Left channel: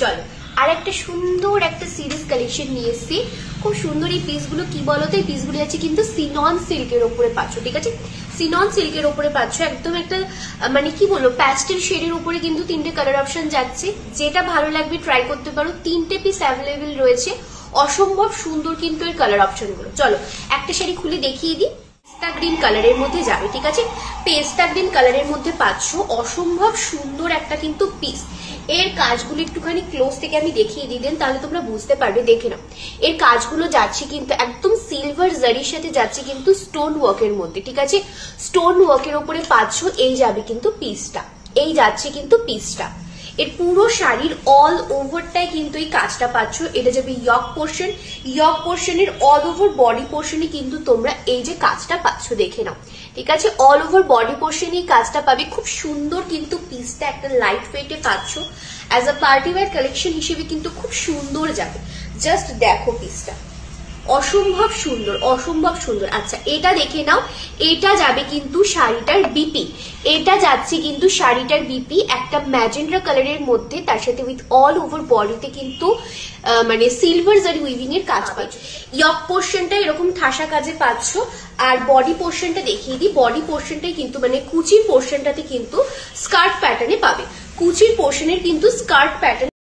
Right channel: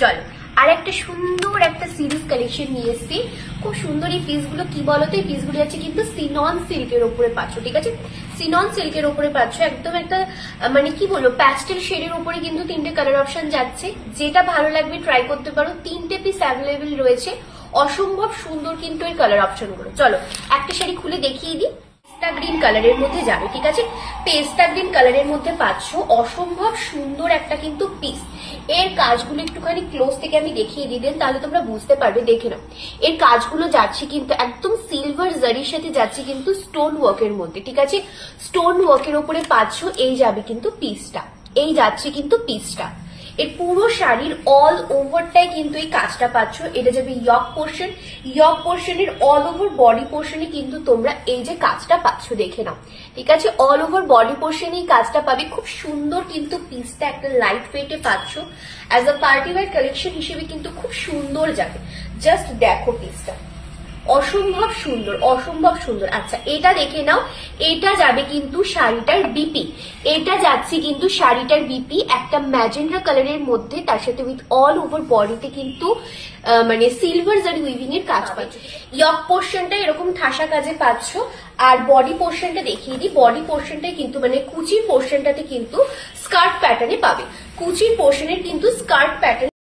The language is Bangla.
চলো আর একটা সুন্দর একটা সিরিজ কালেকশন নিয়ে এসেছি। খুব সুন্দর এই পিসগুলো, কি বলতো, এই পিসগুলো আছে কিন্তু সিনন সিল্কের উপরে পাচ্ছ, ঠিক আছে? সিনন সিল্কের উপরে পাচ্ছ, একদম একটা মানে কি বলবো প্যাস্টেল শেডের উপরে কিন্তু তিনটে কালার অপশন যাচ্ছে। যেটা ভালো লাগবে ট্রাই করতে পারো, তিনটে পিস অ্যাভেলেবেল রয়েছে। অসম্ভব সুন্দর কিন্তু এই কালার অপশন গুলো। চলো একটা শাড়ি খুলে দেখিয়ে দিই। পেস্তা গ্রিন কালারের মধ্যে যাবে, ঠিক আছে? পেস্তা গ্রিন কালারের মধ্যে পাচ্ছ অসম্ভব সুন্দর একটা কিন্তু পিস। এর কাজগুলো একটুখানি ক্লোজ থেকে আমি দেখিয়ে দিই দেন, তাহলে তোমরা বুঝতে পারবে। দেখে নাও, এর কাজগুলো যাচ্ছে কিন্তু একদম সিলভার জারির সাথে যাচ্ছে কিন্তু স্টোন ওয়ার্কের মধ্যে, ঠিক আছে? স্টোন ওয়ার্কের উপরে পাচ্ছ, এই যাবে কিন্তু পিসটা, এই যাচ্ছে কিন্তু পিসটা। এর পুরো শাড়ির অল ওভারটাই কিন্তু এই কাজটা পাচ্ছ। এটা যাবে ইয়ক পোর্শন, ইয়ক পোর্শনের অল ওভার বডি পোর্শনে কিন্তু তোমরা এই যে কাজটা পাচ্ছ, দেখে নাও, ঠিক আছে? অল ওভার বডি পোর্শনে এই কাজটা পাবে। খুব সুন্দর কিন্তু পিসটা একটা লাইট ওয়েটে পাচ্ছ। As a party wear collection হিসেবে কিন্তু খুব সুন্দর যাবে। জাস্ট দেখো পিসটা, অসম্ভব সুন্দর, অসম্ভব সুন্দর। আচ্ছা এটা দেখে নাও, এটা যাবে কিন্তু শাড়িটার বিপি, এটা যাচ্ছে কিন্তু শাড়িটার বিপি একটা ম্যাজেন্ডা কালারের মধ্যে, তার সাথে উইথ অল ওভার বডিতে কিন্তু মানে সিলভার জারি উইভিং এর কাজ পাচ্ছ। ইয়ক পোর্শনটা এরকম ঠাসা কাজে পাচ্ছ। আর বডি পোর্শনটা দেখিয়ে দিই, বডি পোর্শনটাই কিন্তু মানে কুচির পোর্শনটাতে কিন্তু স্কার্ট প্যাটার্নে পাবে। কুচির পোর্শনের কিন্তু স্কার্ট প্যাটার্ন